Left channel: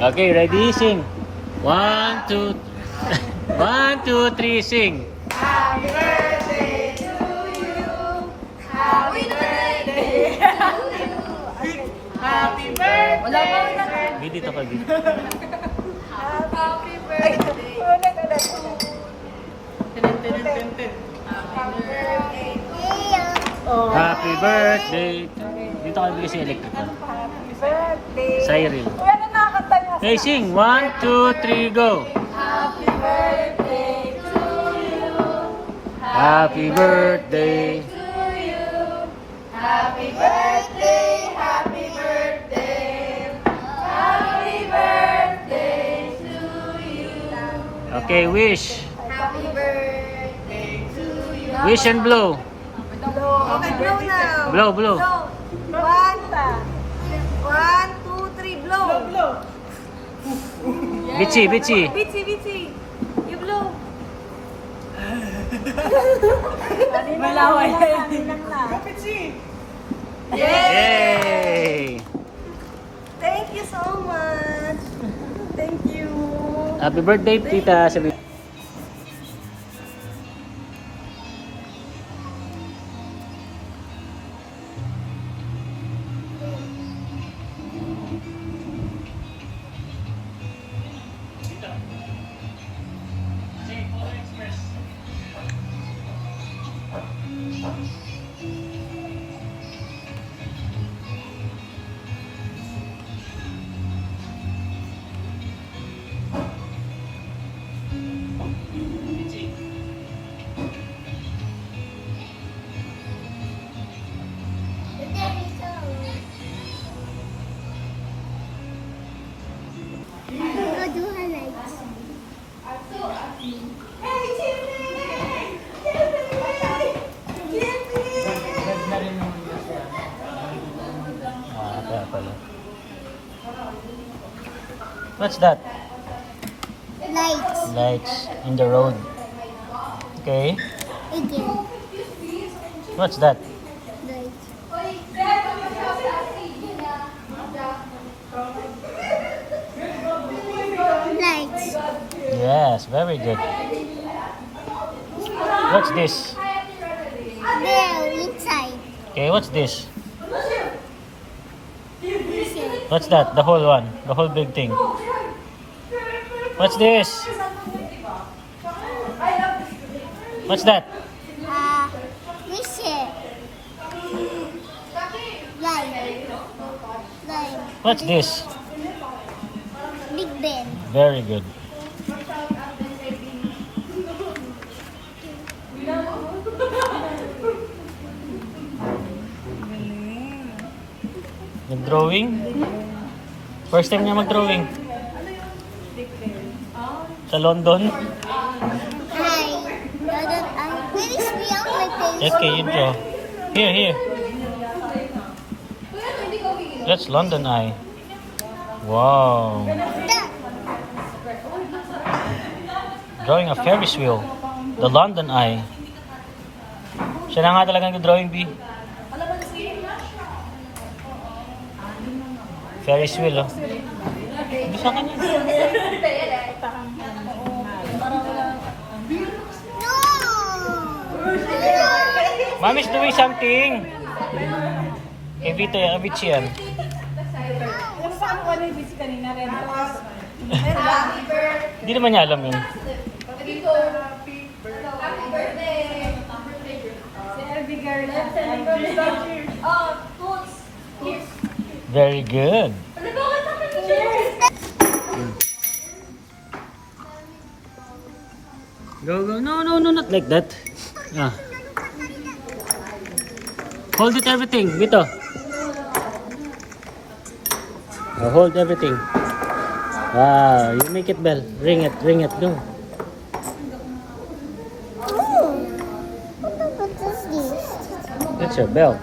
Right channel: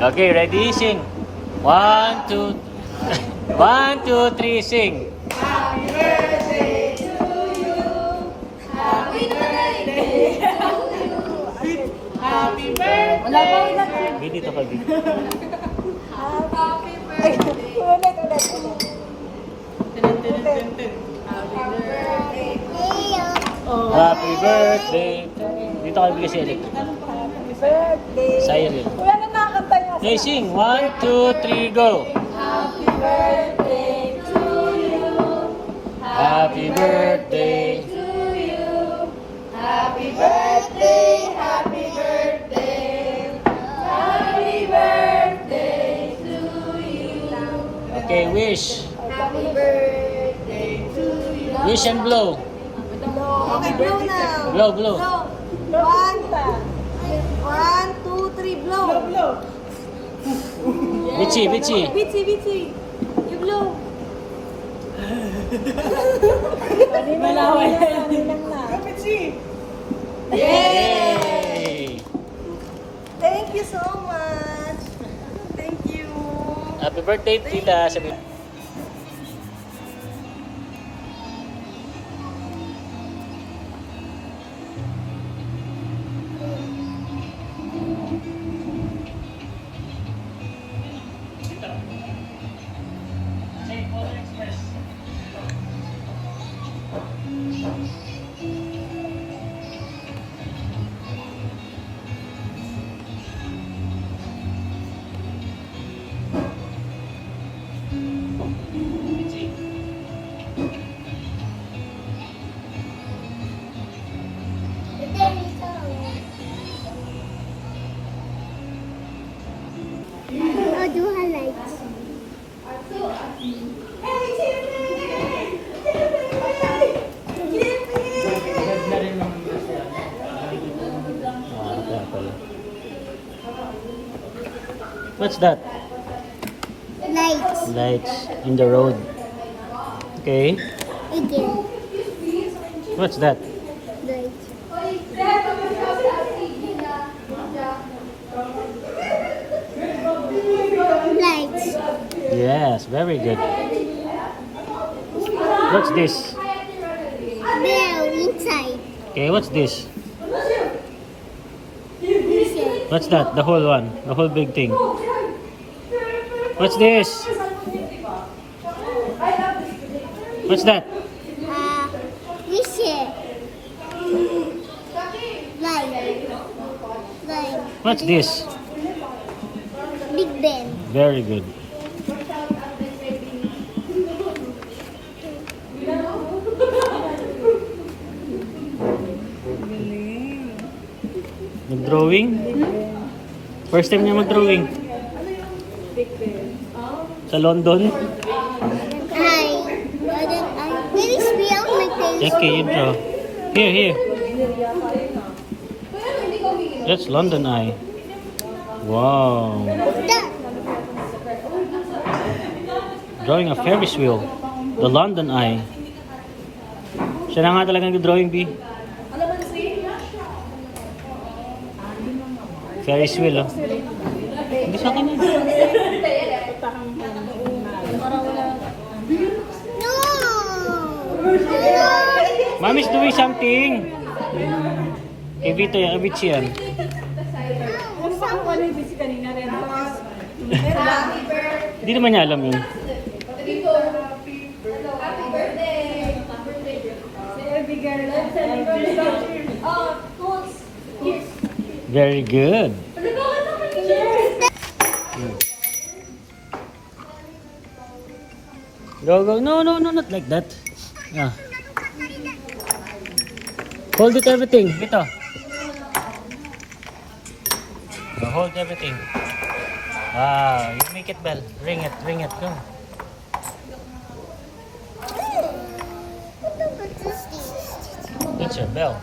Okay, ready? Sing. 1, 2, 1, 2, 3, sing. Happy birthday to you. Happy birthday. Happy birthday. Wala pa wala. Dito pa dito. Happy birthday. Ulit na to. Happy birthday. Dito kayo bigay si electrical. Cyril. Hey, sing. 1, 2, 3, go. Happy birthday to you. Happy birthday. To you. Happy birthday. Happy birthday. Happy birthday to you. Okay, wish. Happy birthday to you. Wish and blow. Okay, blow now. Blow, blow. One, 2, 3, blow. Blow. Bichi, bichi. Bichi. You blow. Malaway. Yay! Thank you so much. Thank you. Happy birthday, tita. Sabi. What's that? Lights. Lights in the road. Okay. Again. What's that? Lights. Lights. Yes, very good. What's this? There, inside. Okay, what's this? Inside. What's that? The whole one. The whole big thing. What's this? What's that? Whistle. Light. Light. What's this? Big Ben. Very good. Mag-drawing? First time niya mag-drawing. Sa London? Hi. Where is beyond my face? Okay, you draw. Here. That's London Eye. Wow. That. Drawing a Ferris wheel. The London Eye. Siya na nga talagang drawing, B. Ferris wheel, oh. Hindi sa akin yun. No. No. Mommy's doing something. Ibito yan, Abichi yan. Kung saan ko yung busy kanina rin. Hindi naman niya alam yun. Very good. Go. No, not like that. Ah. Hold it everything, Vito. Hold everything. Wow, you make it bell. Ring it, go. What is this? That's your bell.